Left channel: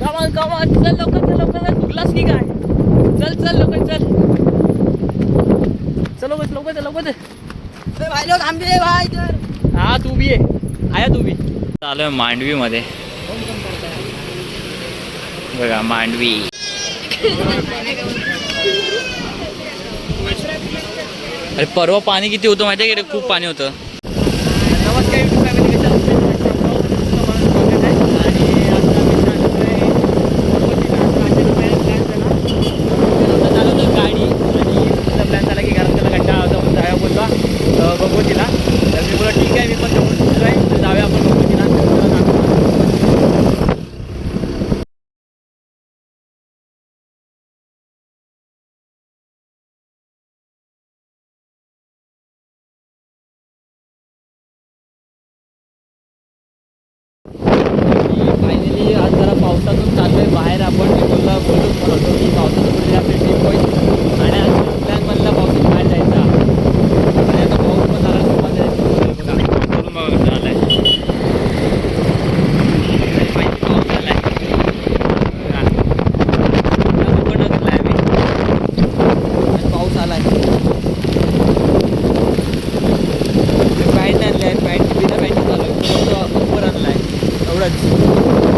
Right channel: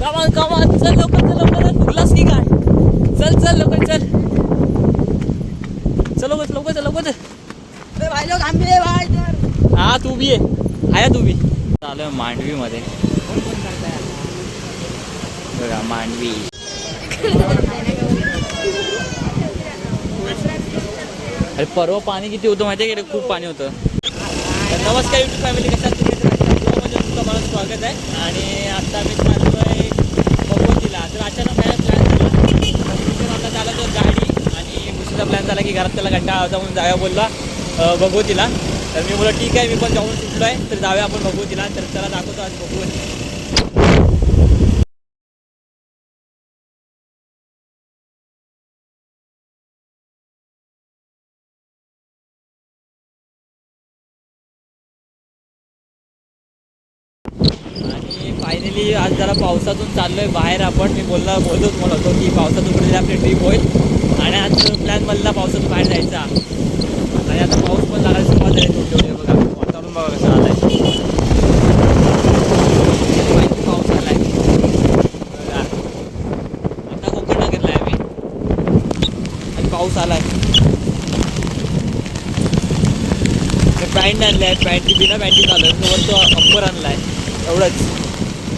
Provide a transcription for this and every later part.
कमान कमान चल लवकर चल लवकर. की काय चल चल लवकर चल. चल लवकर लवकर चल लवकर. चल अरे भाई लोग हम भी है भाई. हा तू बी आहे तू बी. आलोय मांडवी मध्ये बघा मांडवी. अरे परवा पाणी किती होतं माहिती आहे की रे? खूप पाणी होतं. नमस्कार युट्यूब फॅमिली कशा आहात? तुम्ही तुमचं मला स्वागत आहे आणि आता आम्ही चाललो आहे भगवतीला तर अचानक प्लॅन प्लॅन झाला तर झाला तो गाडी आणि दुसरा प्लॅन झाला की घरात त्याला जाऊया बोलला. भगवतीला. तर मी बोला ठीक आहे मी पण जाऊन सुटलो आहे तर जाऊया आपण भगवतीला. तर त्याला दाखवतो आज फायनली आज जरा पावसातून चाललोय बाहेर आपण. मी बोलला बोलतोच म्हणत होतो की पावसातून कुठेतरी आपली ट्रिप होईल. आणि आज प्लॅन बनला पावसात बाहेर जायचा आणि आता पाऊस पण लागायला सुरुवात आहे करून बघा कसं आलाय माहिती पाऊस आलाय बघा पुन्हा कोकण घेतलाय आम्ही आणि पाऊस आलाय पॅन्ट आणलाय पॅन्ट बिना बँकिंग आलं तो फक्त अप्पर आणला आहे एवढंच.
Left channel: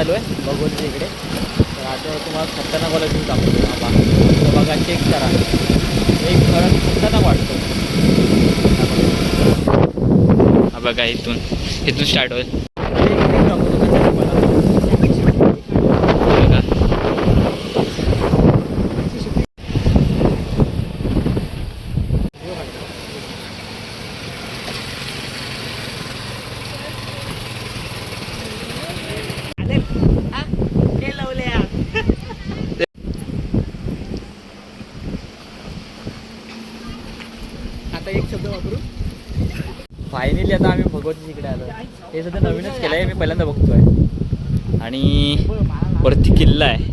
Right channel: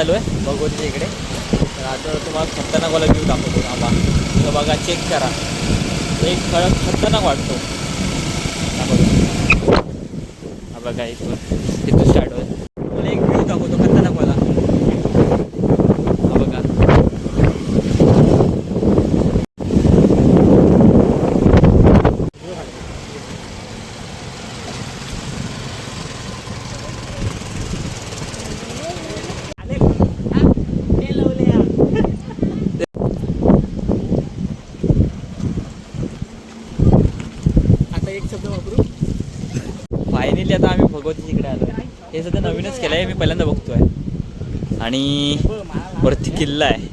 चालू आहे भगवती इकडे. तर आता तुम्हाला खतरनाक वाला व्ह्यू दाखवतो बाबा तर बघा चेक करा. एक खरं खतरनाक वाटतो. हा बघा. इथून इथून स्टार्ट होईल एक व्ह्यू दाखवतो खतरनाक वाला हा बघा आता एक शब्द वापरू. फायनली आता आम्ही भगवती इकडे आलो हे सध्या नवीनच केलं आहे मी पहिल्यांदा बघतोय. आणि वरती किल्ला आहे.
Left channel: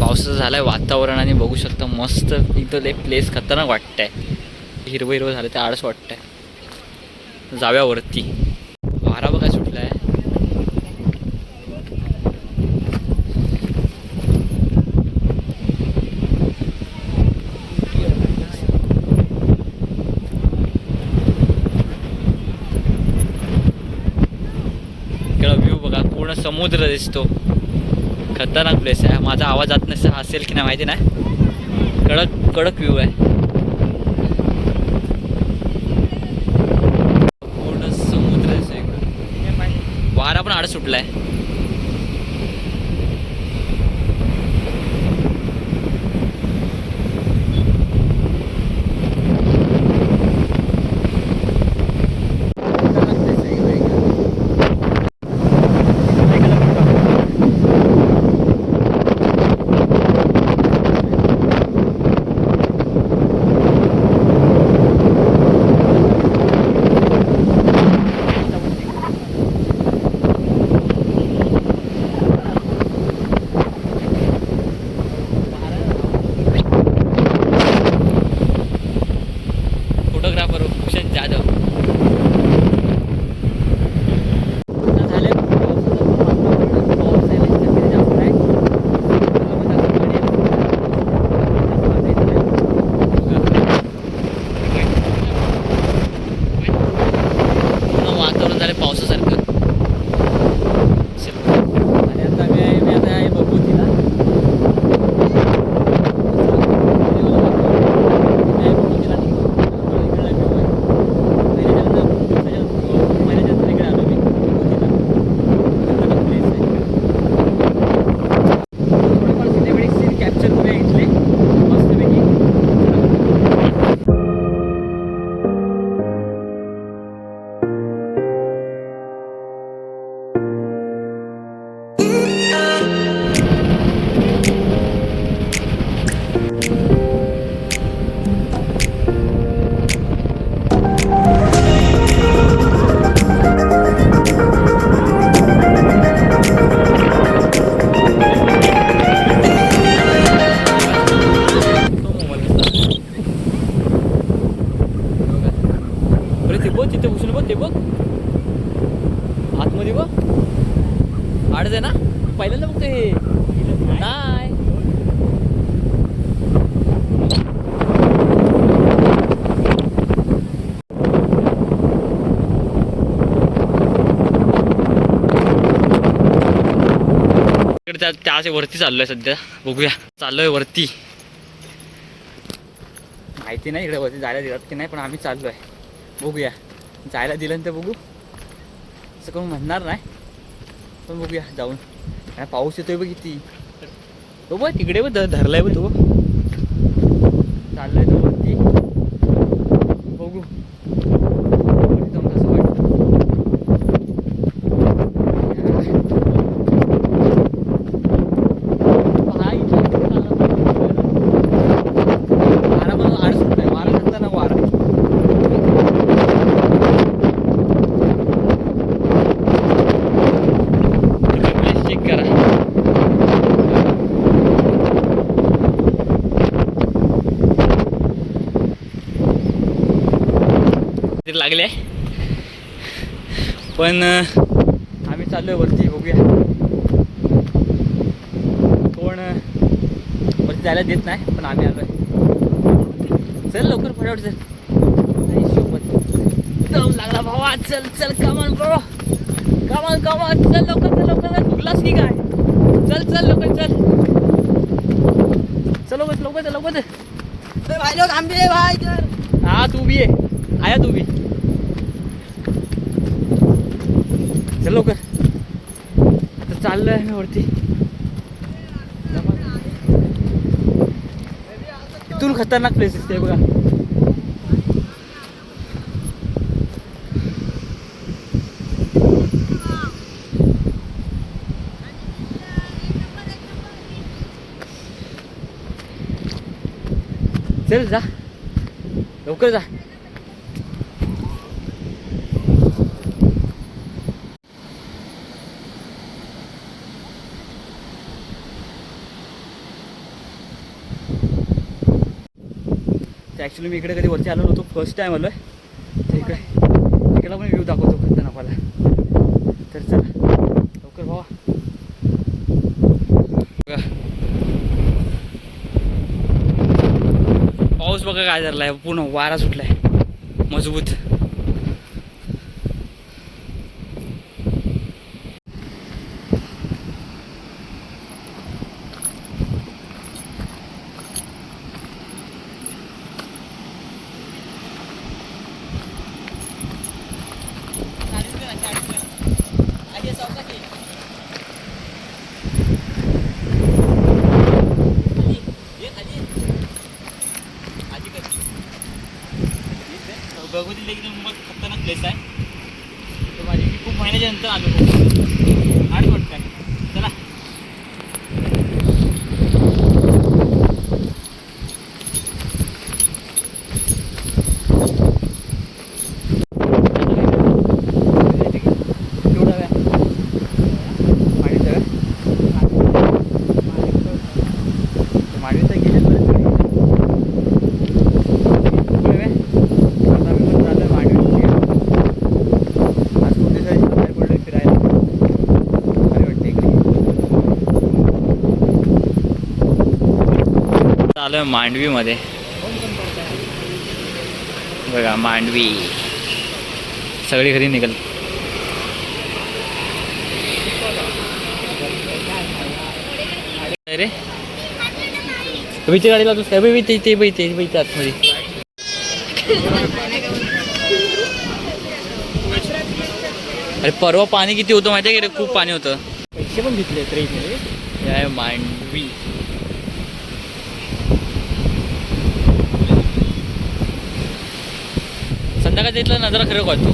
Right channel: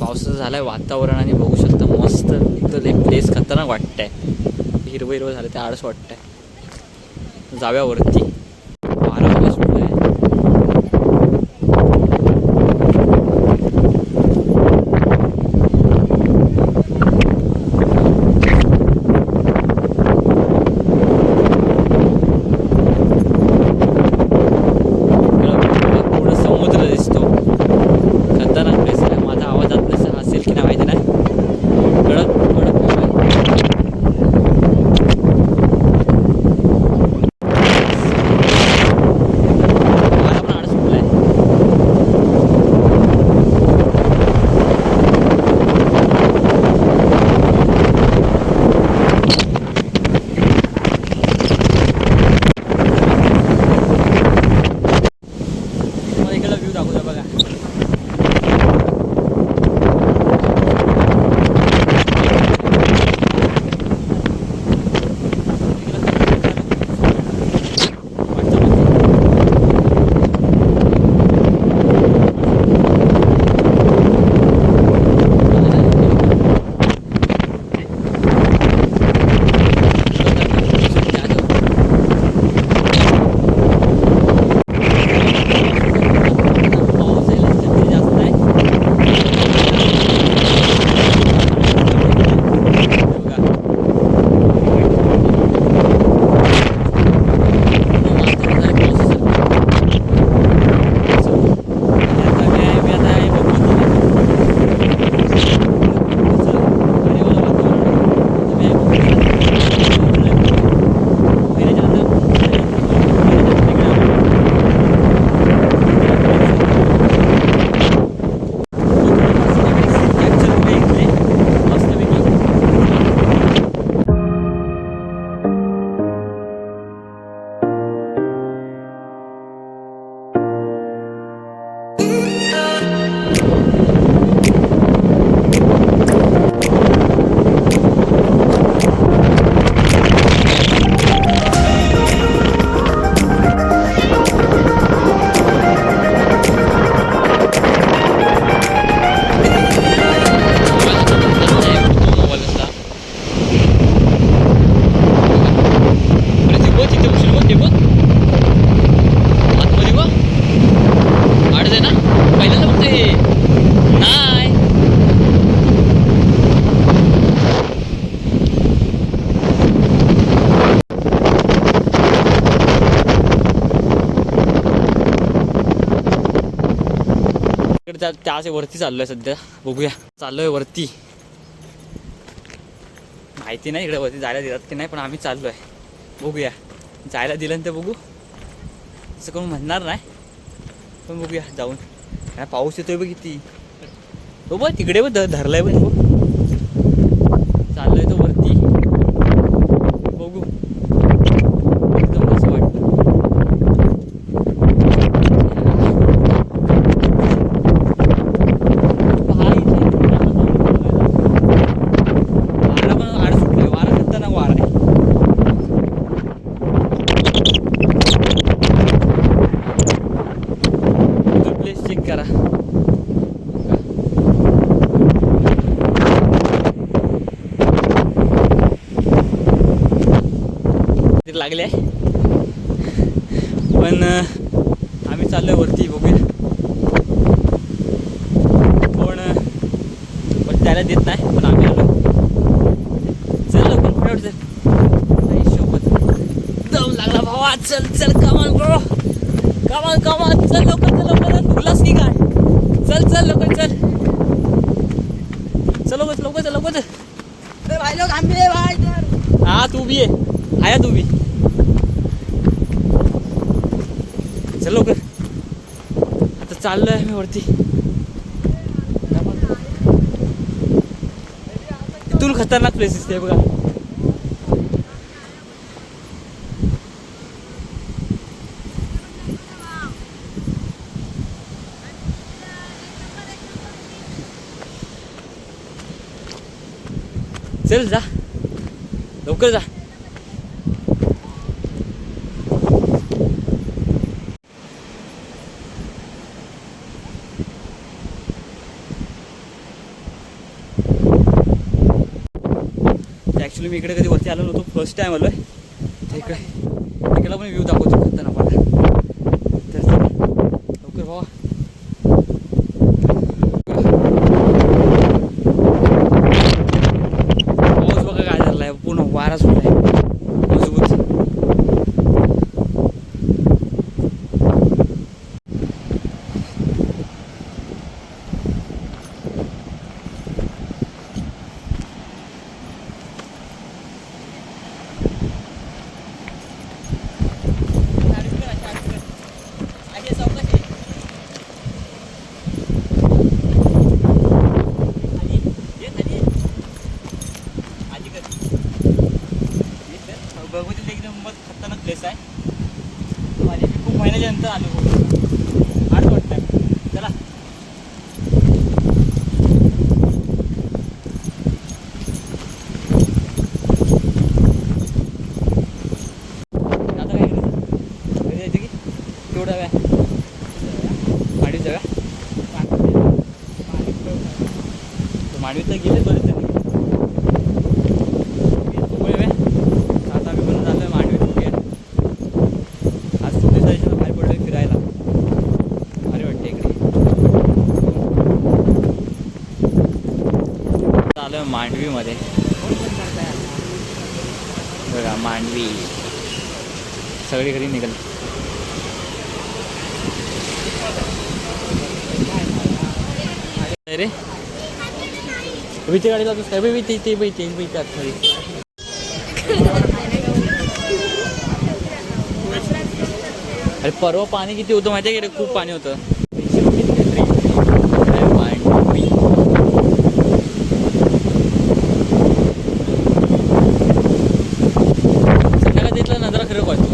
पावसाचं झालं आहे वातावरण आणि बघू शकता मस्त इथं एक प्लेस खतरनाक वाटतंय. हिरवं हिरवं झालं ते आळस वाटतंय. आहे जाव्यावरती वारा बघा सुटला आहे इकडं view बघा पूर्ण समुद्र दिसतो खतरनाक प्लेस आहे माझा आवाज जात नसेल असेल की नाही माहिती नाही. कडक कडक व्ह्यू आहे. त्या त्या असे वरती चाललोय सध्या. बघूया. चाललोय वरती. माहिती नाही इकडे वरती जायला दिलात की नाही पण आम्ही चाललोय. बघूया. जायला दिलं तर बघू. असं कोण म्हणणार नाही. पण बघूया जाऊन. काय पाऊस येतोय बघ किती हो बघ तिकडे बघ धर- धरलाय बघ तो तो वरती बघू एकदम कसं वाटतं भाई, वारा पण आड सुटलाय वारा खतरनाक वारा आहे प्लीज चेक करा ते लागले आहे. पण आम्ही चाललोय वरती बघूया. कोण वरती जायला देत नाही पण आम्ही आलोय. चल लवकर फटाफट चल. शोभत दम लागला भावा. चल चल कमान ब्रो कमान कमान चल लवकर चल लवकर. फुगलास की काय? चल चल लवकर चल. चल लवकर लवकर चल लवकर. चल भाई लोग है भाई. हा तू बी आहे आया तू बी. चल लवकर. आता चाललं आहे ना वरती. इथून खतरनाक प्लेस दिसते बघा. चल जा. लवकर जा. ॲक्च्युली मी इकडे कधी वरती आलो नव्हतो. फर्स्ट टाईम आलो आहे तर इकडे इकडला पण व्ह्यू दाखवतो खतरनाक मला तर चला लवकर भावा. पाऊस बघा काय झालाय. पूर्ण वारा सुटला आहे बघूतील देखील मग खतरनाक प्लेस आहे तर माझी खूप महिन्याच्या नंतर आलो खूप आठ वाटतं चला आता काय करायचं? घरी जायचं की? केवढं हव्या माडवी जाव्या माडवी तर गेले बरेच तरी होय बे? आता आम्ही पण झालं मांडवी गेलो आज खूप दिवसाची बाहेर पडलोय फिरायला भारी वाटते इकडे आलोय मांडवीमध्ये. बघा मांडवी. सगळी घरी निघाल. अरे. तुम्ही गाडी तुझ काय बी ते ते बी ते बी आतमध्ये अरे परवा पाणी किती होतं माहिती आहे रे? खूप पाणी होतं. संध्याकाळी तिथला नजरा खरं वाटतो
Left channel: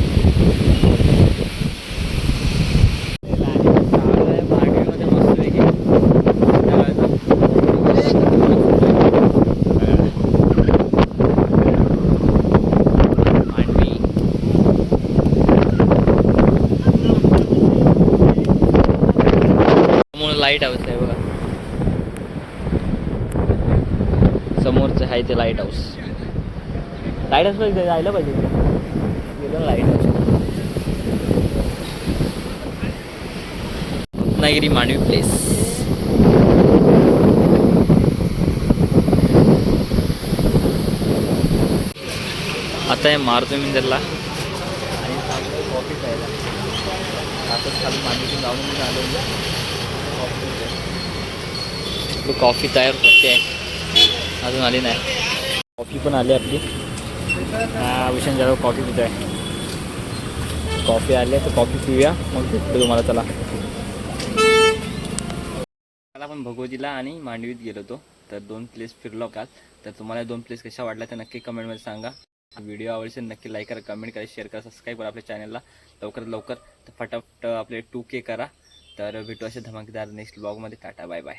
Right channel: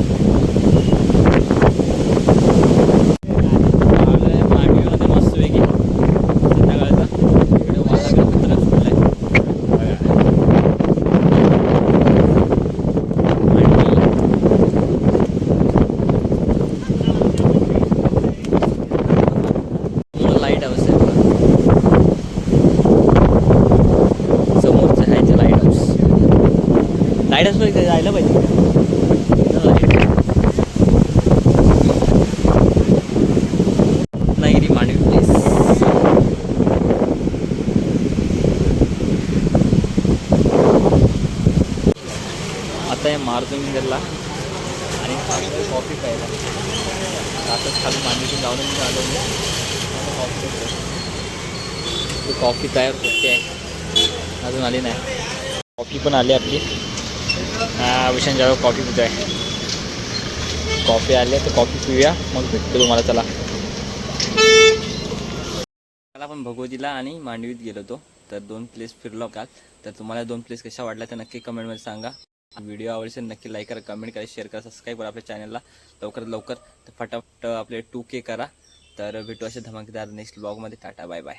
मस्त वेगळी समोर लाइट हाऊस आहे बघा. समोरचं आहे ते लाइट हाऊस लाइट हाऊस जायला पाहिजे लाइट रत्नागिरी मांडवी प्लेस आता आहे मारतो मी त्याला आणि थांबलोय कॉफी प्यायला. आताच खाली मांडवीतून जाऊन मी आलो मी. कॉफी कॉफी तयार होते आहे. अजून आली नाही. कॉफी पण आली आपली. हा विशान कॉफी कॉफी आहे कॉफी आली तर कॉफी पिऊया. मग भेटतो तुम्हाला. चला. आपण भगवतीला आणि मांडवीत गेलो होतो तर दोन प्लेस फिरलो काल. तर तुम्हाला दोन प्लेस कशा वाटल्या तर नक्की कमेंटमध्ये सांगा. व्हिडिओ आवडले नक्की लाईक करा कमेंट करा शेअर करा सबस्क्राईब करा आपल्या चॅनलला लवकरात लवकर तर फटाफट आपले टू के करा. तर भेटू असे धमाकेदार नेक्स्ट ब्लॉगमध्ये टाटा बाय बाय